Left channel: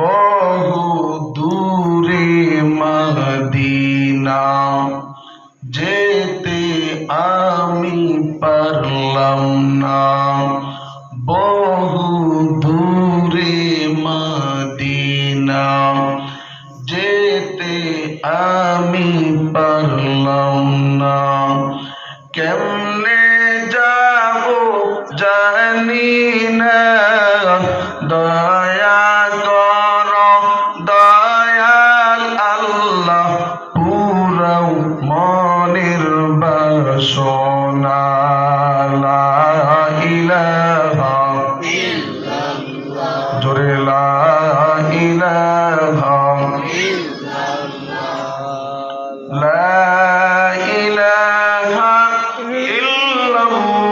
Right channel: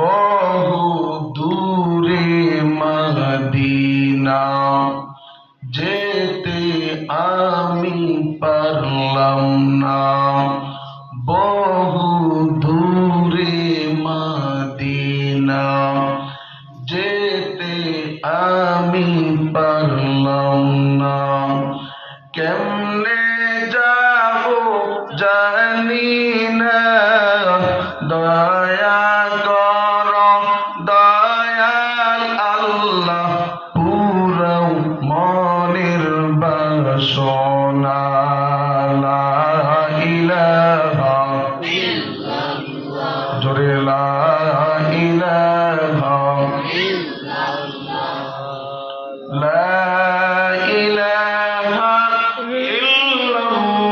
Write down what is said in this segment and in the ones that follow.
বহু দূরে মদিনা যেতে আমি পারলাম না, বহু দূরে মদিনা যেতে আমি পারলাম না। কেমনে যাব জানি না, দয়া কর দয়াল আল্লাহ, পুরাও মনের বাসনা। লা ইলাহা ইল্লাল্লাহ, জোরে লা ইলাহা ইল্লাল্লাহ, লা ইলাহা ইল্লাল্লাহু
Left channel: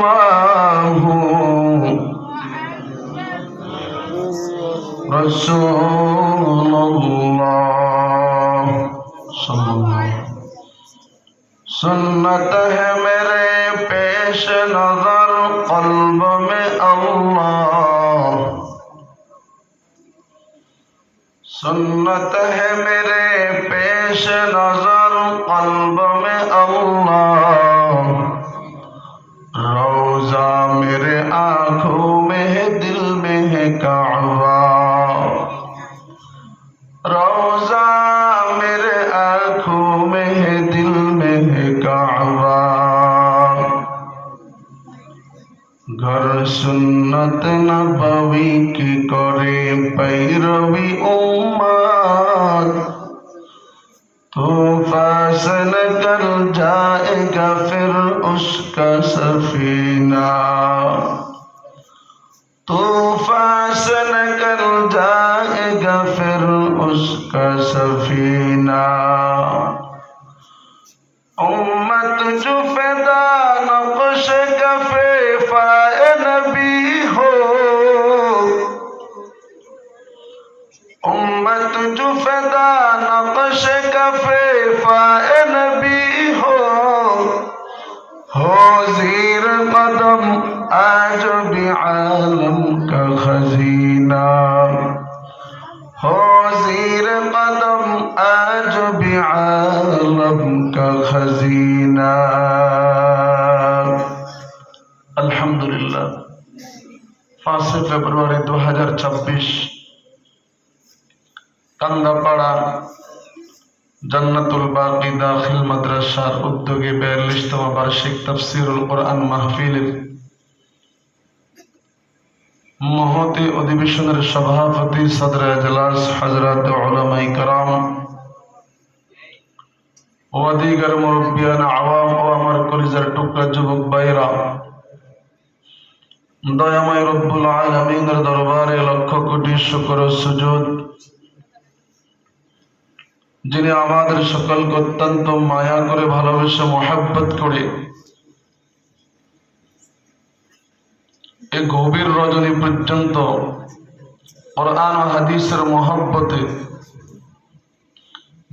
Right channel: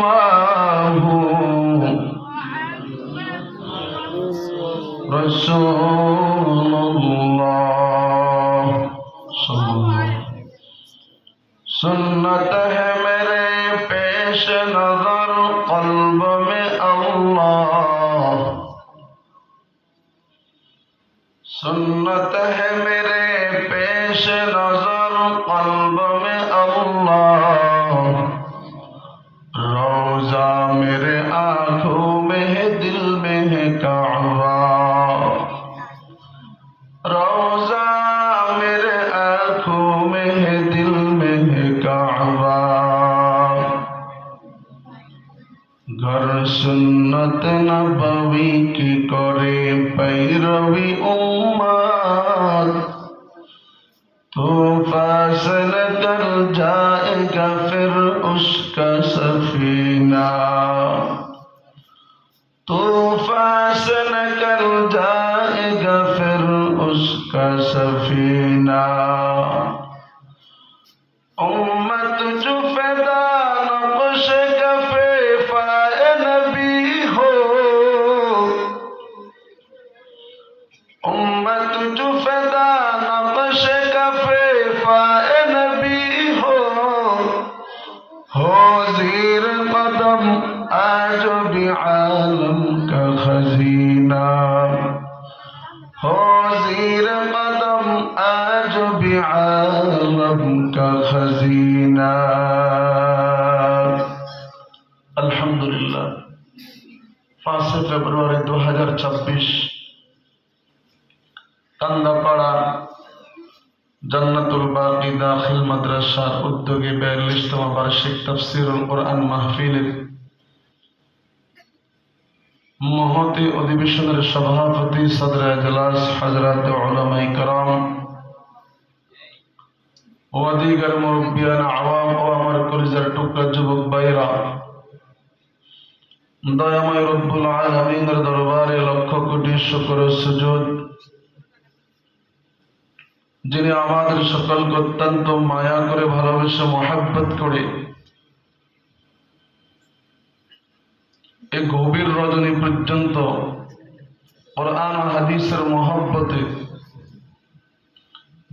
রাসূলুল্লাহ সাল্লাল্লাহু। सुन्नत है मेरे पेश नजर कल्ब में अल्लाह, सुन्नत है मेरे पेश नजर कल्ब में अल्लाह, रोजा मेरे आंखों में है दिल में है काबा, रोजा मेरे आंखों में है दिल में है काबा। घर सुन्नत नबवी की करे पैरवी उम्मत, तो फासल कर जाएगा फिर उसका सफीना, तो फासल कर जाएगा फिर उसका सफीना। उम्मत जो फिदा नक्श कफे फाए नबी हो, उम्मत जो फिदा नक्श कफे फाए नबी हो जीर कदम आज भी आलम का खजीना, हो जीर कदम आज भी आलम का खजीना। अल्हम्दुलिल्लाह 5 ফেব্রুয়ারি 2026 কান্দাপাড়া জান্নাতুল বাকি দাখিল মাদ্রাসার উদ্যোগে 42তম বার্ষিক তাফসীরুল কোরআন মাহফিলের মহতি অধিবেশনের সভাপতি সদর এজলাস হযরত উলামায়ে কেরাম ও দিগার মুরব্বিয়ান আওয়াম ও আমার কলিজার টুকরা যুবক ভাইরা, দয়াময় রব্বুল আলামিনের দরবারে লক্ষ কোটি শুকর ও সুজুদ, যিনি আমাদের সকলকে অত্যন্ত মায়া করে ভালোবেসে মহব্বত করে এই গভীর রজনী পর্যন্ত কোরআন ও হাদিসের মহব্বতে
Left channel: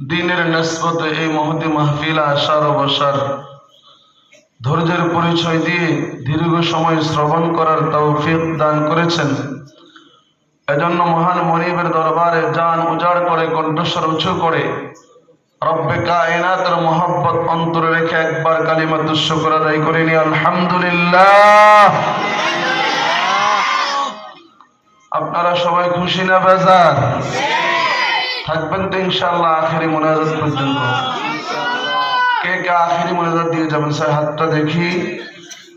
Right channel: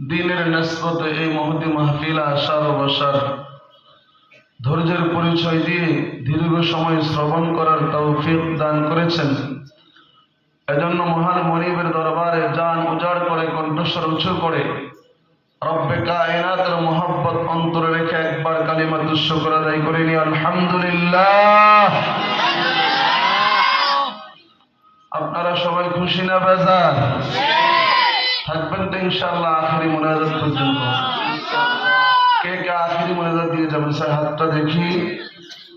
দ্বীনের নিসবতে এই মহতি মাহফিলে আসার ও বসার ধৈর্যের পরিচয় দিয়ে দীর্ঘ সময় শ্রবণ করার তৌফিক দান করেছেন। এজন্য মহান মনিবের দরবারে জান উজাড় করে কণ্ঠস্বর উঁচু করে রব্বে কায়নাতের মহব্বত অন্তরে রেখে একবার কালিমাতুশ শুকর আদায় করে নি আলহামদুলিল্লাহ। আপনারা সবাই খুশি না বেজার? থাকবেন তো ইনশাআল্লাহ আখেরি মুনাজাত পর্যন্ত। কে কে আখেরি মুনাজাত দিয়ে যাবেন স্যার হাতটা দেখি।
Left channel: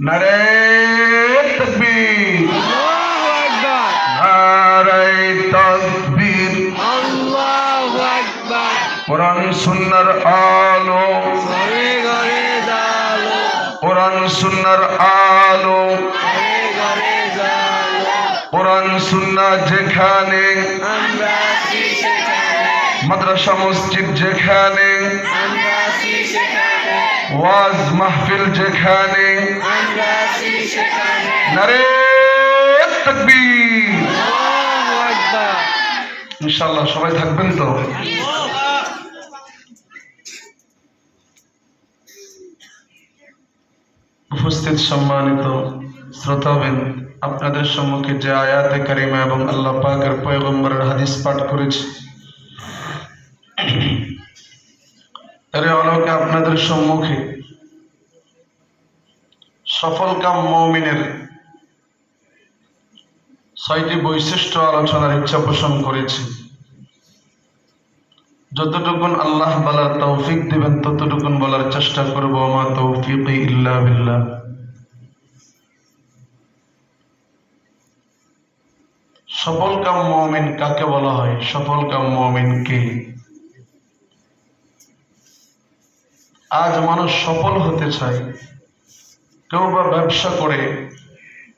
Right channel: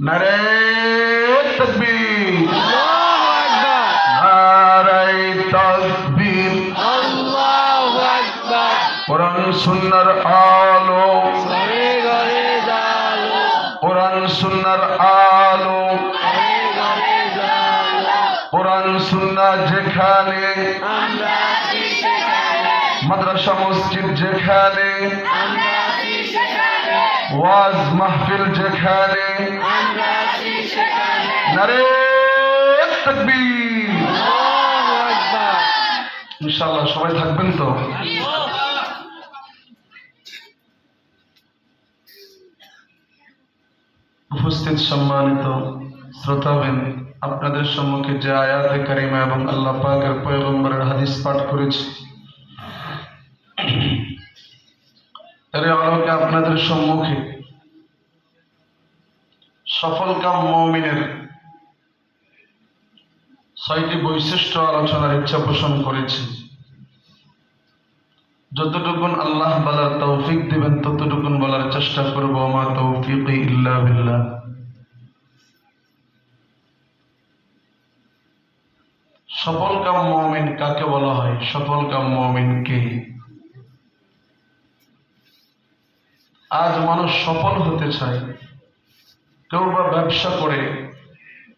নারে তাকবীর, কোরআন সুন্নাহর আলো, কোরআন সুন্নাহর আলো, কোরআন সুন্নাহ যেখানে, মাদ্রাসা মসজিদ যেখানে, ওয়াজ মাহফিল যেখানে, নারে তাকবীর। ইনশাআল্লাহ সবাই থাকবেন তো? উপস্থিত সম্মানিত শ্রোতাবৃন্দ, আপনাদের সম্মুখে যে আয়াতে কারিমা এবং আল্লাহ পাকের পয়গম্বরের হাদিস পাঠ করেছি, এর আলোকে আপনাদের সম্মুখে সফলকাম মুমিনের 6টি বৈশিষ্ট্য আলোচনার ইচ্ছা পোষণ করেছি। যতটুকুন আল্লাহ বলার তৌফিক দিবেন ততটুকুন বলার চেষ্টা করব। মা তৌফিকি ইল্লা বিল্লাহ। সফলকাম মুমিন কাকে বলা হয়? সফলকাম মুমিন কে? আজ মানুষ সফল হতে চায়, কেউ বা ব্যবসা করে,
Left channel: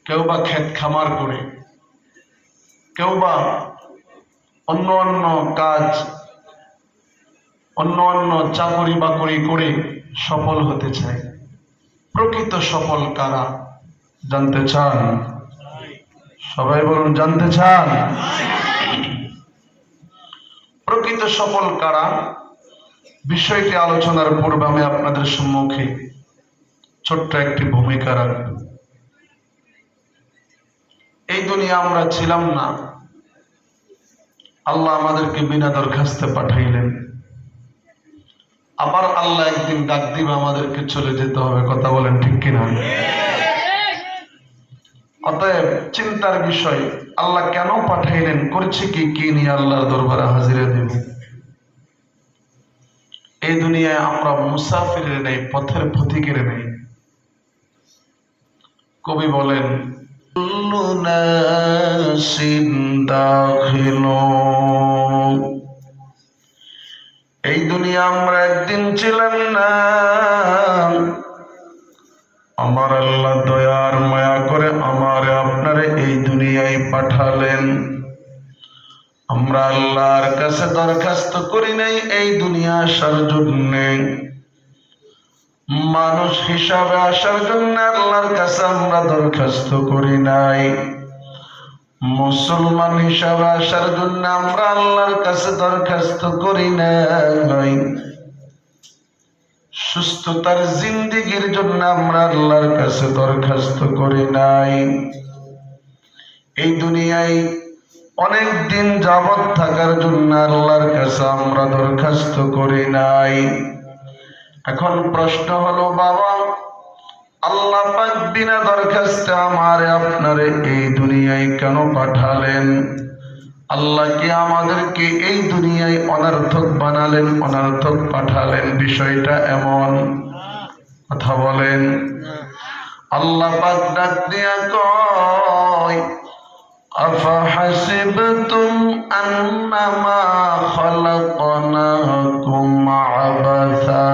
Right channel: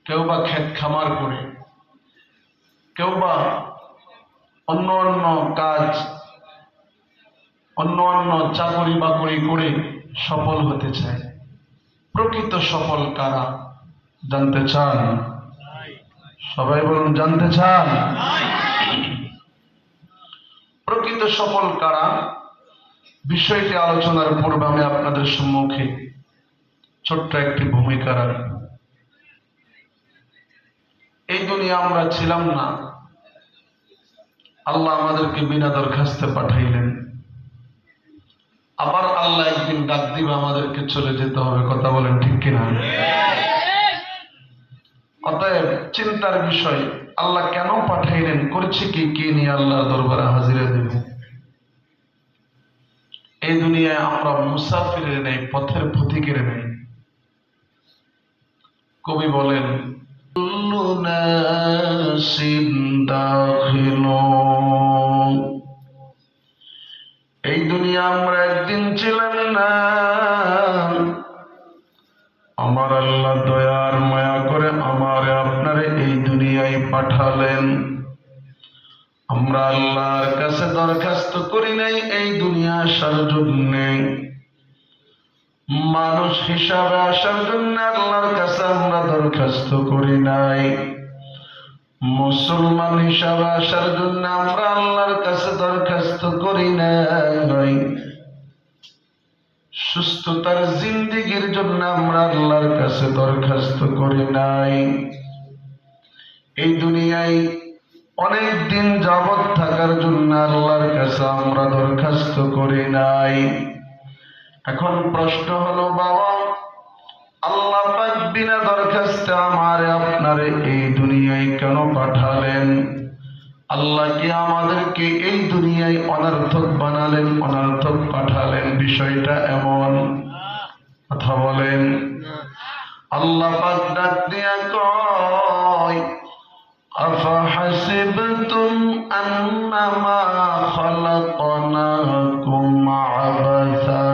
কেউ বা ক্ষেত খামার করে, কেউ বা অন্য অন্য কাজ, অন্য অন্য চাকরি বাকরি করে সফল হতে চায়। প্রকৃত সফল কারা? জানতে চান? সবাই বলুন, জানতে চান? প্রকৃত সফল কারা? বিষয়টি আলোচনার পূর্বে আমি আপনাদের সম্মুখে ছোট্ট একটি ভূমিকা রাখব। এই দুনিয়া আমরা ছিলাম না, আল্লাহ আমাদেরকে বিনা দরখাস্তে পাঠাইলেন। আবার আল্লাহ একদিন ডাক দিবে, আমাদেরকে চলে যেতে হবে। কথা বলেন ঠিক কিনা? অতএব চিন্তার বিষয়, আল্লাহ কেন পাঠাইলেন, করছে কি, কি নিয়ে আল্লাহর দরবারে হাজিরা দেব। এই দুনিয়ায় আমরা মুসাফিরের নেই, পথের পথিকের নেই। কবি বলেন, কুল্লু নাসিন দাখিলুন। এই দুনিয়া আমরা একদিন ছিলাম না, আমার আল্লাহ দয়ার মায়া করে আমারে আপনারে এই দুনিয়ায় পাঠালেন। আমরা আল্লাহর কাছে দরখাস্ত করি নাই এই দুনিয়া আসার জন্য, মানুষ হিসাবে আসার জন্য আল্লাহর কাছে আমরা দরখাস্ত করি নাই। মুসলমান হিসাবে আসার জন্য আমরা আল্লাহর কাছে দরখাস্ত করি নাই। সুস্থতার জিন্দেগির জন্য আমরা আল্লাহর কাছে দরখাস্ত করি নাই। এই দুনিয়ায় অনেক দিন যাবত থাকার জন্য আল্লাহর কাছে আমরা দরখাস্ত করি নাই। এখন প্রশ্ন হলো, বাবা, আল্লাহ পাক বিনা দরখাস্তে আমারে আপনারে এই দুনিয়ায় কেন পাঠালেন? আল্লাহ কি আমাদেরকে এই দুনিয়ায় অনর্থক বানালেন, অনর্থক পাঠালেন? বিষয়টা এমন। কথা বলেন। আল্লাহ পাক ডাক দিয়া কয়, আফাহাসিবতুম আন্নামা খালাকনাকুম আবাসা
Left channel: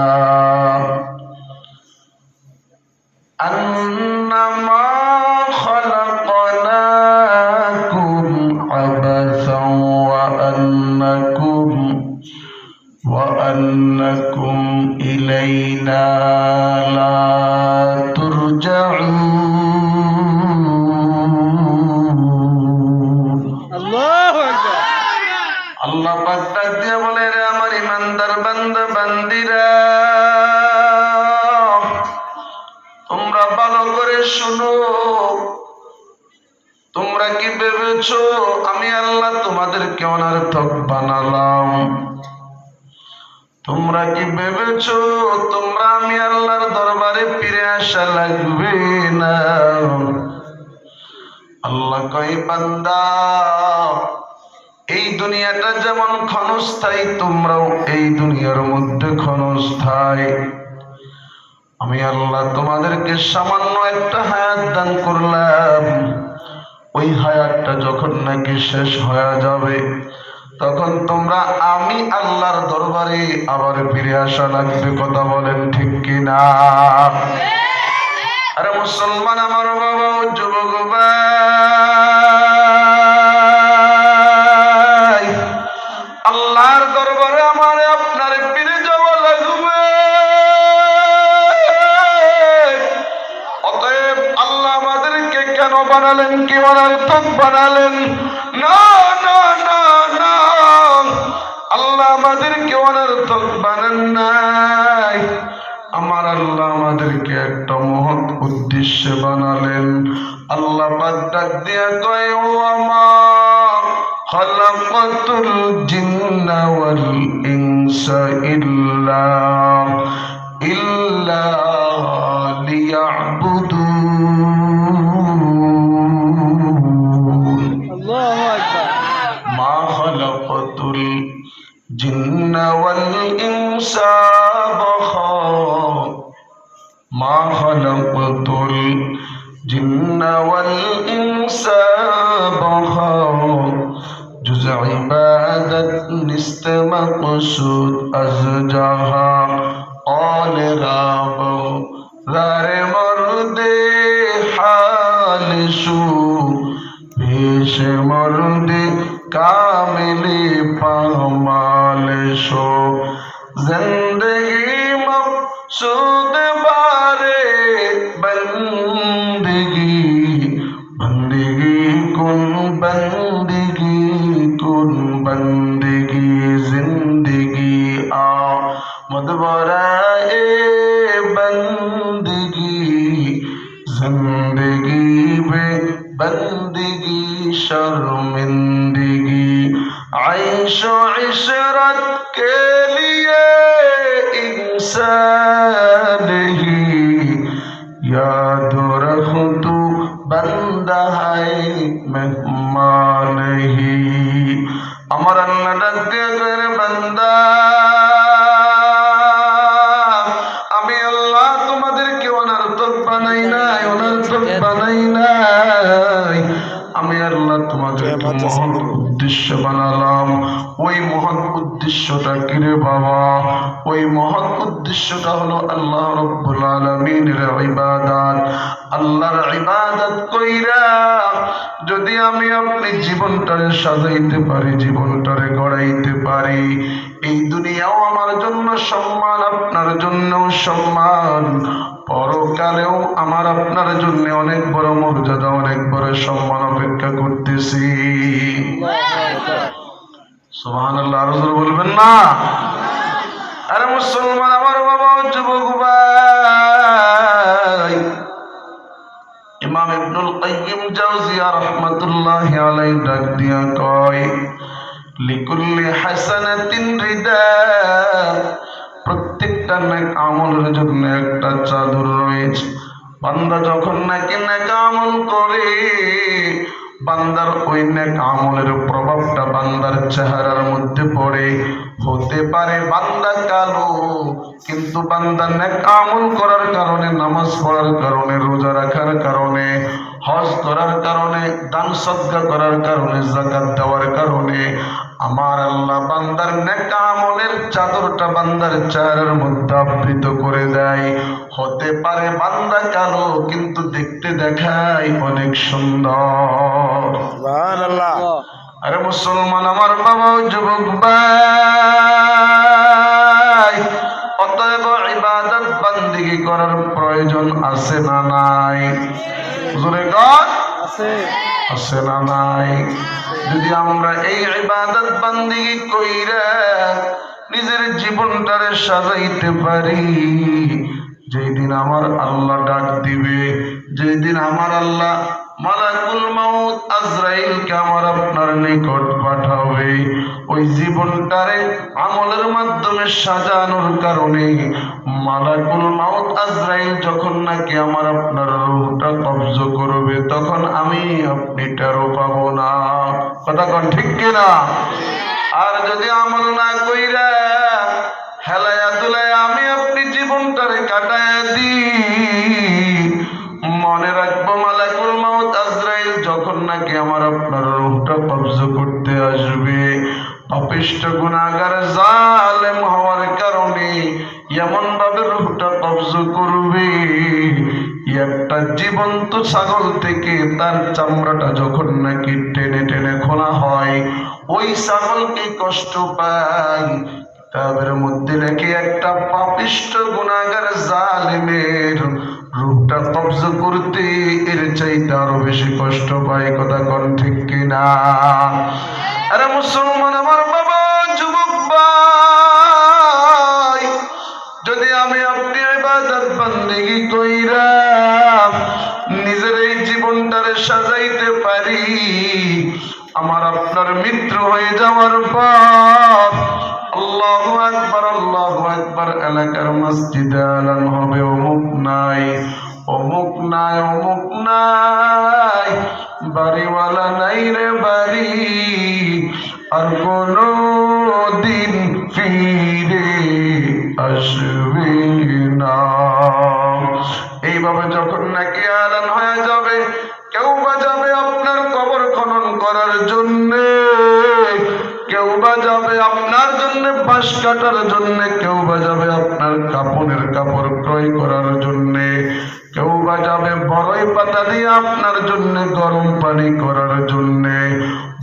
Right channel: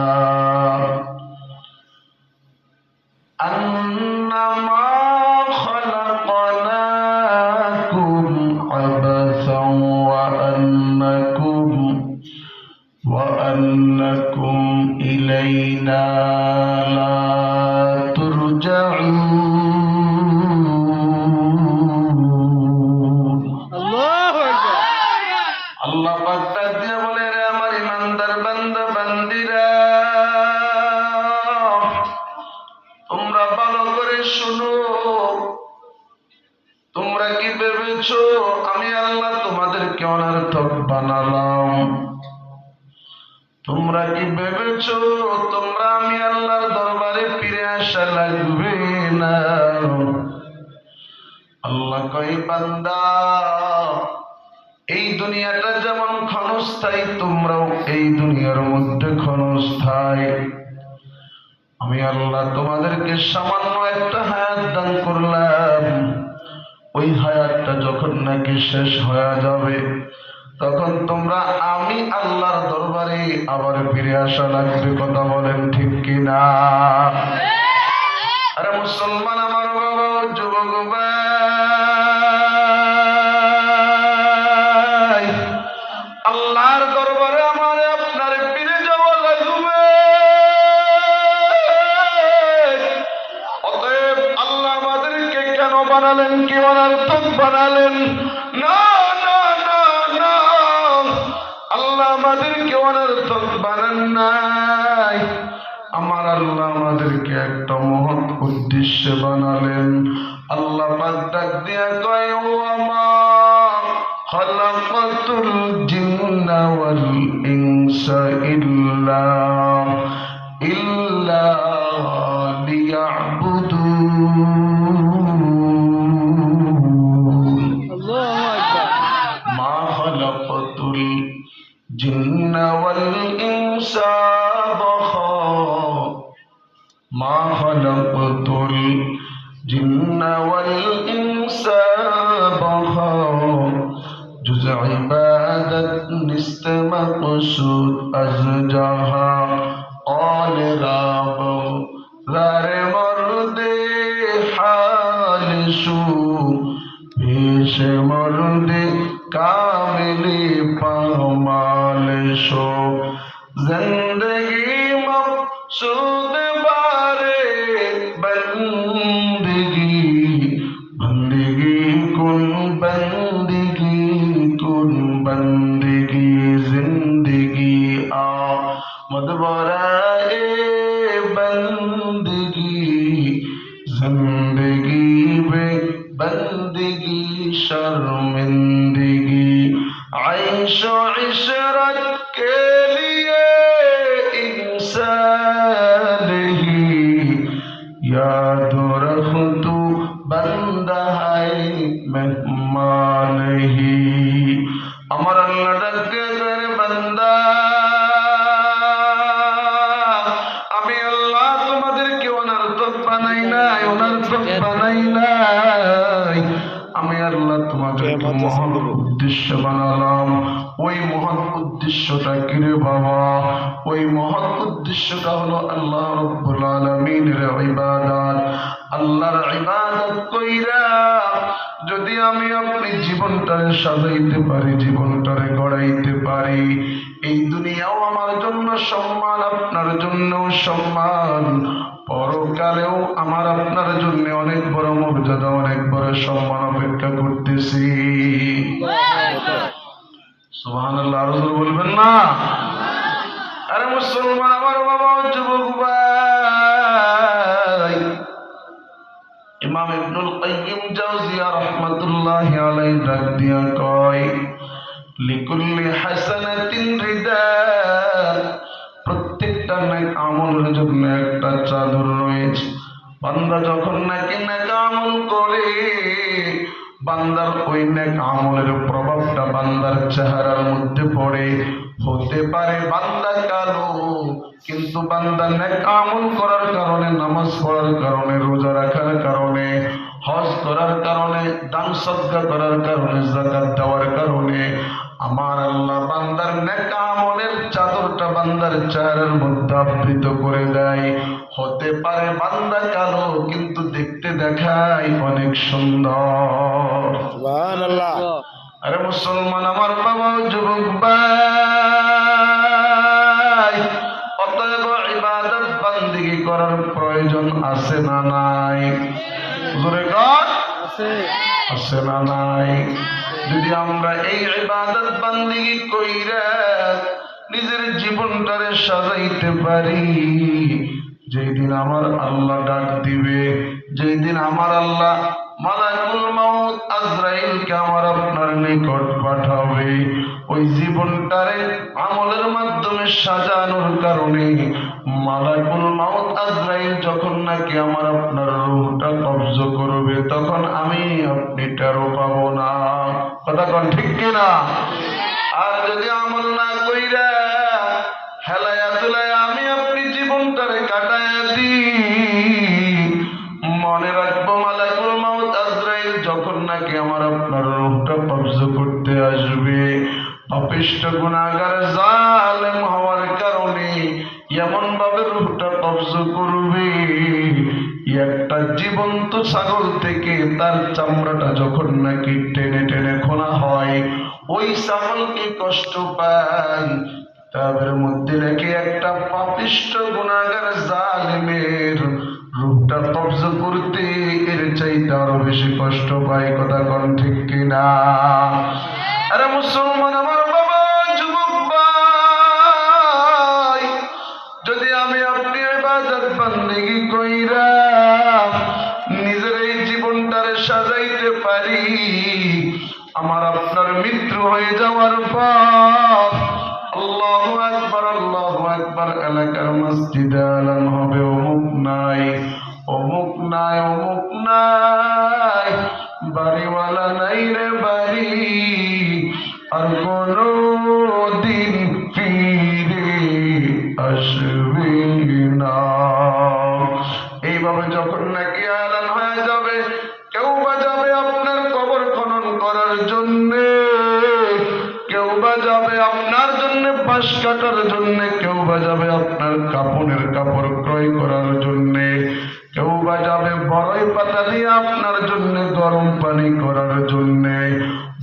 আন্নামা খালাকনাকুম আবাসা ওয়া আন্নাকুম ইলাইনা লা তুরজাউন। আল্লাহ পাক ডাক দিয়ে বলে, রে আমার ইমানদার বান্দা বান্দিরা, তোমরা ভালো করে শোনো। তোমরা কি ভেবেছো আমি আল্লাহ তোমাদেরকে অনর্থক বানালাম? তোমরা কি ভেবেছো তোমরা আমি আল্লাহর দরবারে ফিরে আসা লাগবে না? আল্লাহ কয়, বান্দা, এই দুনিয়াটা যেমন ক্ষণস্থায়ী, তোমরাও এই দুনিয়ার মধ্যে ক্ষণস্থায়ী। আমি আল্লাহ তোমাদেরকে সামান্য একটা হায়াত দান করলাম। ওই হায়াতটা যখন নাকি শেষ হয়ে যাবে, তখন তোমরা আমি আল্লাহর দরবারে আবার ফিরে আসা লাগবে। কথা বলেন ঠিক কিনা? আরে মুসলমান আমার বাবা, যুবক ভাই, আল্লাহর দরবারে আমার আপনার ফিরে যাওয়া লাগবে। অতএব আল্লাহ আমাদেরকে কেন বানালেন, কি অনর্থক বানালেন? না না না না, আল্লাহ আমাদেরকে অনর্থক বানান নাই। আমার আল্লাহ আমাদেরকে একটা মহৎ উদ্দেশ্যে বানালেন। আল্লাহ পাক ডাক খালাকাতুল জিন্না ওয়াল ইনসা ইল্লা লিয়াবুদুন। আল্লাহু আকবার। মা খালাকাতুল জিন্না ওয়াল ইনসা মা খালাকাতুল জিন্না ওয়াল ইনসা जुज़ इबादत निस्त मक़सूद अज़ जहाँ औल राब ज़ारे मर्दे हाल शू पेश मर्दे कामिले पामाल शो ज़िंदगी मक़सूद बारे बंदगी बंदगी कुन बंदगी बंदगी जिंदगी आमद बराए बंदगी जिंदगी बे बंदगी शर्मिंदगी आयशो इशरत के लिए इंसान ही याद रख तू बंदा है मेहमान ही। আমার আল্লাহ ডাক দিয়ে কয় বান্দা আমি আল্লাহ তোমাদেরকে অনর্থক বানাই নাই, অনর্থক বানাই নাই। আমি আল্লাহ তোমাদেরকে মহান উদ্দেশ্য বানালাম। ওই মহান উদ্দেশ্যটা কি রে বাবা? ওই মহান উদ্দেশ্যটা হলো আল্লাহ রাব্বুল আলামিনের ইবাদত। আল্লাহর ইবাদত কইরা যদি আমি আপনি জীবনটারে সাজাইতে পারি, জীবনটারে গড়াইতে পারি, এই দুনিয়াও আমার জন্য সম্মান, আপনার জন্যও সম্মান, পরকালেও আমার আপনার জন্য অনেক বড় মর্যাদা, অনেক বড় সম্মান অপেক্ষা করতেছি। সুবহানাল্লাহ। আরো জোরে বলবেন না? আরে মুসলমান আমার বাবা, যুবক ভাই, ইমাম ইবনুল কাইয়্যিম জাওজিয়া রাহমাতুল্লাহি আলাইহি ডাক দিয়া কয় লিকুল্লি হাসানাতিন রিদা, প্রত্যেকটা নেক আমলের জন্য একটা চাদর রয়েছে। বান্দা যখন নাকি নেক আমল করে, বান্দার ওই নেক আমলের প্রভাবটা বান্দার চেহারার মধ্যে পড়ে। হতে পারে বান্দা কালো, কিন্তু বান্দা নেক আমল করার কারণে, নামাজ পড়ার কারণে, রোজা রাখার কারণে, হজ করার কারণে, দান সদকা করার কারণে, যাকাত দেওয়ার কারণে আমার আল্লাহ বান্দার নেক আমলের চাদরটা বান্দার চেহারার মধ্যে আবৃত করে দেয়। হতে পারে বান্দা কালো, কিন্তু দেখতে দেখায় অনেক সুন্দর। সুবহানাল্লাহ। আরে মুসলমান আমার বাবা, যুবক ভাই, অতএব ইবাদত বান্দিগি করার প্রয়োজন আছে না নাই? জোরে কর, আছে না নাই? যদি আমরা এই ইবাদত বান্দিগি কইরা নিজের জীবনটারে সাজাইতে পারি, যেই দিন আমার আল্লাহ ডাক দিবে, যেই দিন আমার আল্লাহ মালাকুল মাউত আজরাইলকে আমার আপনার নিকট পাঠাবে, ওই জীবনটারে আমলের মাধ্যমে সাজানোর কারণে মালাকুল মাউত আজরাইল যখন নাকি আমার আপনার রূহটা কবজ করবে, তখন আমি আপনি টেরও পাবো না। কথা কোন ঠিক কিনা? আর যদি আমল না কইরা হেলায়া দুলায়া আমি আপনি জীবনটারে কাটায় দিই, মনে রাখবো মালাকুল মাউত আজরাইল যখন নাকি আমার আপনার রূহটা কবজ করতে আসবে, পাপিষ্ঠ গুনাহগার জালেম হওয়ার কারণে এমন ভাবে রূহটা কবজ করবে, একটা জীবন্ত ছাগল থেকে তার চামড়াটা যখন নাকি টেনে টেনে খোলা হয়, ওই ছাগলকে কষ্ট পায়, তাদের মধ্যে নাকি একটা পাপিষ্ঠ গুনাহগার জালেমের রূহটা কবজ করতে এর চাইতে আরো বেশি কষ্ট পায়। কথা কোন ঠিক কিনা? আরে মুসলমান আমার বাবা, যুবক ভাই, যদি আমি আপনি ইবাদত বান্দেগি কইরা নিজের এই জীবনটারে সাজাইতে পারি, আমার আপনার মৃত্যু হয়ে যাওয়ার পর আল্লাহু আকবার এলাকার মসজিদে এলান হবে অমুক নাই, অমুক নাই, অমুক নাই, বাড়িওয়ালা নাই রে বাড়ি, আর কোনো দিন ফিরে আসবে না। এইভাবে যখন নাকি এলান হয়ে যাবে, কেউ বা যাবে আপনার কবর খনন করার জন্য, কেউ বা যাবে আপনার জন্য বাঁশ কাটার জন্য, কেউ বা যাবে আপনার কাপড়ের কাপড় ক্রয় করার জন্য, কেউ বা যাবে বড়ই পাতা দিয়ে আপনার জন্য গরম পানি করার জন্য।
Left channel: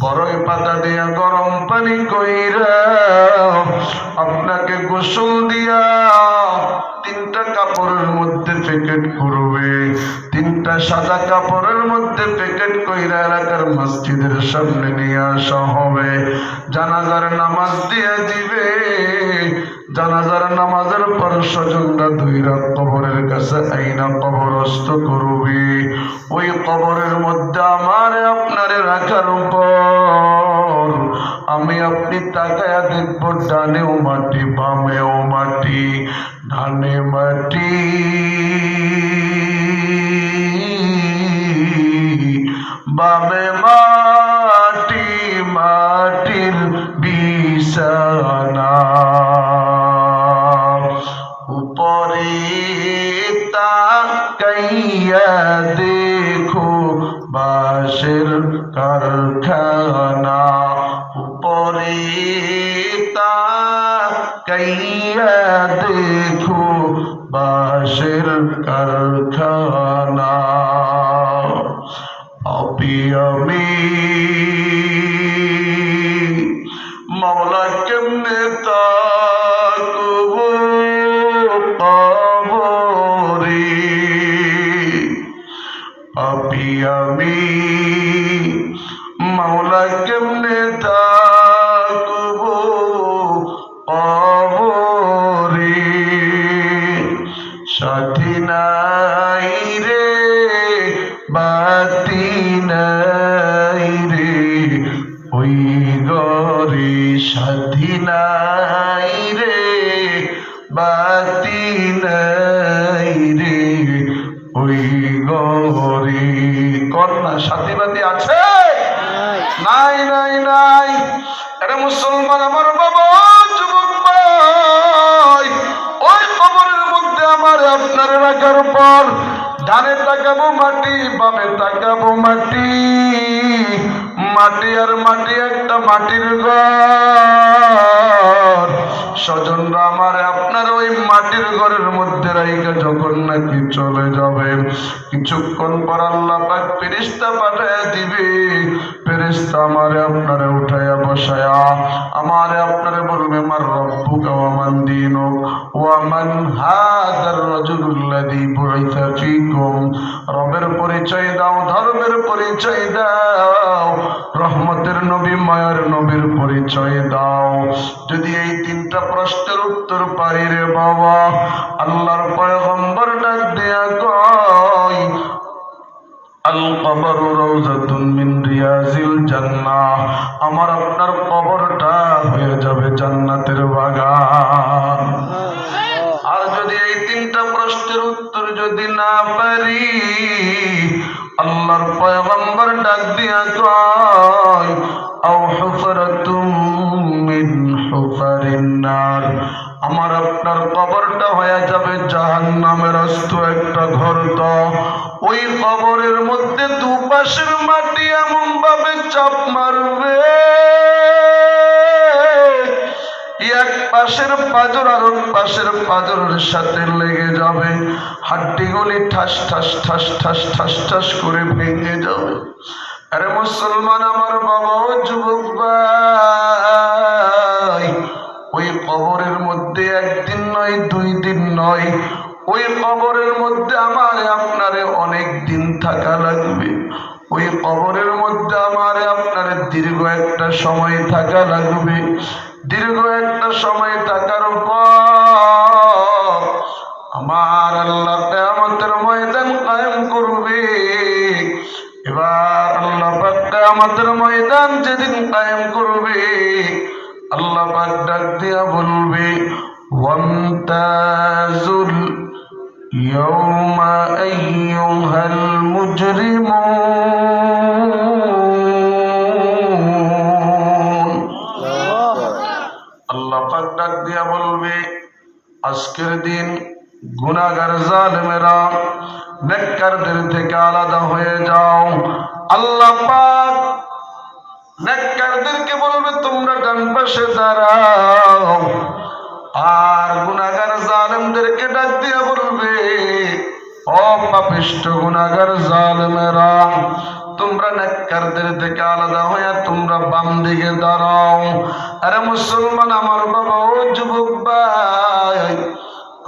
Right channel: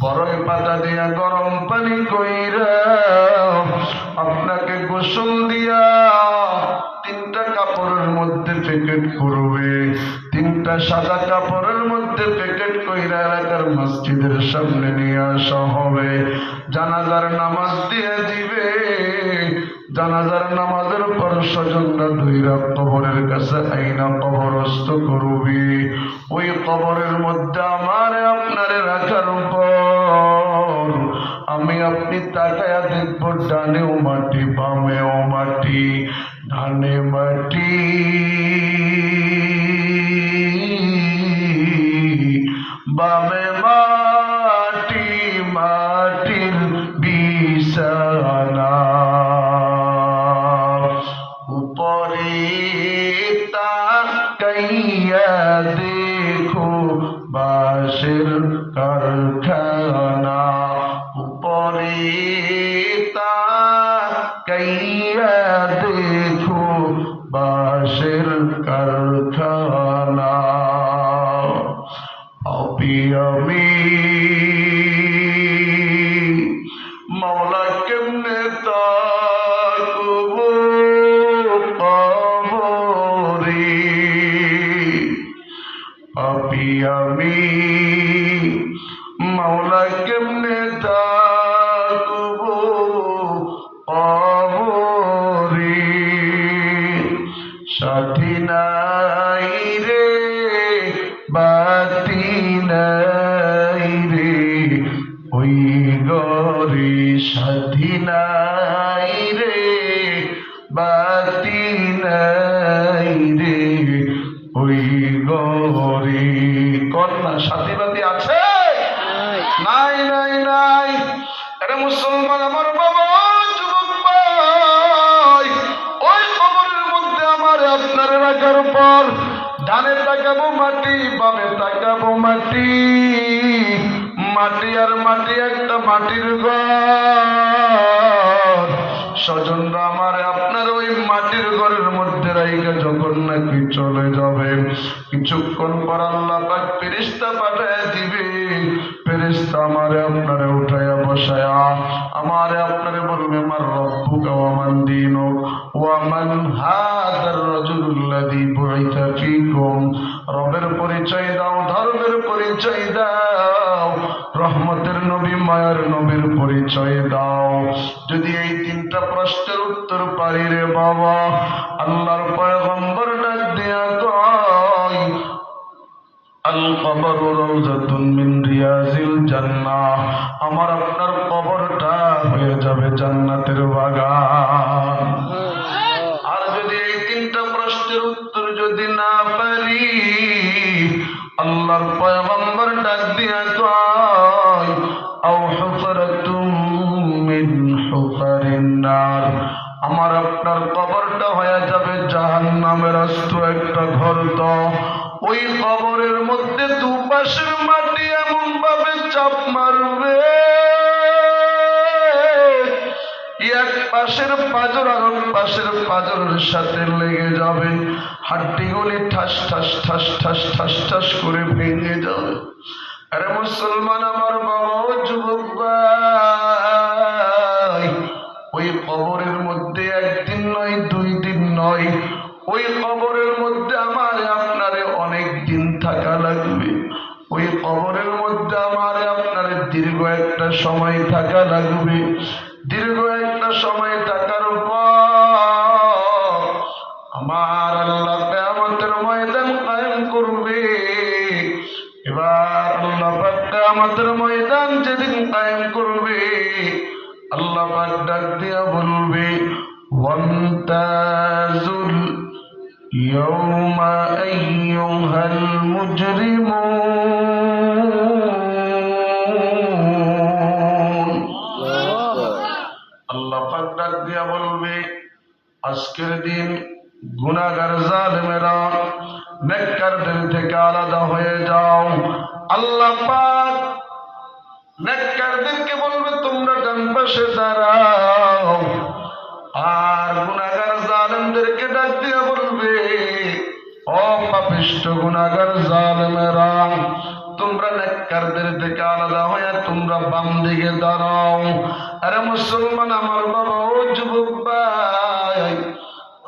বড়ই পাতা দিয়ে গরম পানি কইরা আপনাকে গোসল দিয়া তিনটা কাপড়ের মধ্যে প্যাকেট করবে, তিনটা সাদা কাপড়ের মধ্যে প্যাকেট কইরা এলাকার মসজিদের সামনে নিয়ে আসা হবে। জানাজার নামাজ দিয়ে দিবে। জানাজার নামাজের পর স্বজনরা দুই রাত কবরের কাছে আইনা কবরস্থ করবে। ওই কবরের মধ্যে আমার আপনারে রাখার পর আমি আপনি তাকায়া দেখব, ডানেও মাটি বামেও মাটি, ডানে মাটি বামে মাটি, মাটির বিছানা, উপরে তাকাইয়া দেখো বাঁশের কারখানা, উপরে তাকাইয়া দেখো বাঁশের কারখানা। আমি মাওলা কেমনে তাকবো কবরে, পাপী আমি মাওলা কেমনে তাকবো কবরে। সাথী নাই রে বাতি নাই রে ওই ঘরে, সাথী নাই রে বাতি নাই রে ওই ঘরে। কন্যা সাথী বাতি আছে? নাই নাই নাই। এটা মুসলমান আমার বাবা, যুবক ভাই, ওই কবরের মধ্যে আমার আপনার রাখার পর ডানে তাকাবো মাটি, বামে তাকাবো মাটি, মাটি আর মাটি, একটা মাটির ঘর। স্বজনরা আমার আপনার ওই মাটির ঘরের মধ্যে রাইখা যখন নাকি চলে যাবে, কিছুক্ষণ পর আল্লাহ পাক ফেরেশতা পাঠায়া দিবে। ফেরেশতা আমারে আপনারে উঠাইয়া বসায়া আমারে আপনারে বলবে, মার রব্বুকা ওয়া মান দীনুক ওয়া মান হাদার রাজুলুল্লাযী বুইসা ফীকুম। রবের পরিচয় দাও, ধর্মের পরিচয় দাও, রহমতের নবী মায়ার নবীর পরিচয় দাও। যদি এই তিনটা প্রশ্নের উত্তর পাই রে বাবা, আল্লাহর পয়গম্বর ডাক দেয়া কয়, আল কবর রাউযাতুন মিন রিয়াজিল জান্নাহ, আমার আপনার কবরটা হয়ে যাবে জান্নাতের বাগান। আর যদি এই তিনটা প্রশ্নের উত্তর যদি না পারি, আল্লাহর পয়গম্বর ডাক দিয়া কয়, আও হুফরাতুম মিন হুফারিন নার, আমার আপনার কবরটা হয়ে যাবে জাহান্নামের আস্ত একটা গর্ত। ওই কবরের মধ্যে দুপাশের মাটি এমন ভাবে চাপ মারবে, এক পাশের পাঁজর আর এক পাশের পাঁজরের সাথে লেগে যাবে, হাড্ডিগুলি ঠাস ঠাস ঠাস ঠাস ঠাস ঠাস করে ভেঙে যাবে। আরে মুসলমান আমার বাবা, ও যুবক ভাই, ওই কবরের মধ্যে একদিন নয়, দুই দিন নয়, ওই কবরের মধ্যে আমার আপনারে অনেক দিন থাকা লাগবে। ওই কবরের মধ্যে আমার আপনার দীর্ঘ একটা সময় থাকা লাগবে। দীর্ঘ একটা সময় থাকার পর আমার আল্লাহ কিয়ামতের ময়দান কায়েম করবে। এবার আল্লাহ পাক কিয়ামতের ময়দান যেদিন কায়েম করবে, করবে, আল্লাহ পাক ডাক দিয়া বলবে ওয়ামতাজুল ইয়াউমা আইয়ুহাল মুজরিমুন। আল্লাহ পাক ডাক দিয়া বলবে আজকের দিন গুনাহগার জালেমেরা নেককারদের থেকে আলাদা হয়ে যাও। আল্লাহ পাক নেককারদেরকে বলবে তোমরা ডান পাশে দাঁড়াও, আর গুনাহগার জালেমদেরকে ডাক দিয়ে বলবে ও পাপিষ্ঠ গুনাহগার জালেমেরা তোমরা নেককারদের থেকে আলাদা হয়ে তোমরা বাম দিকে দাঁড়াও। আরে মুসলমান আমার বাবা, ও যুবক ভাই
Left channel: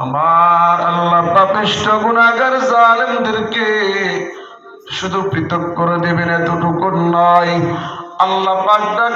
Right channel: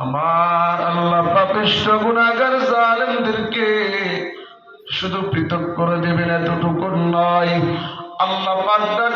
আমার, আল্লাহ পাপিষ্ঠ গুনাহগার জালেমদেরকে শুধু পৃথক করে দেবেন এতটুকু নয়, আল্লাহ পাক ডাক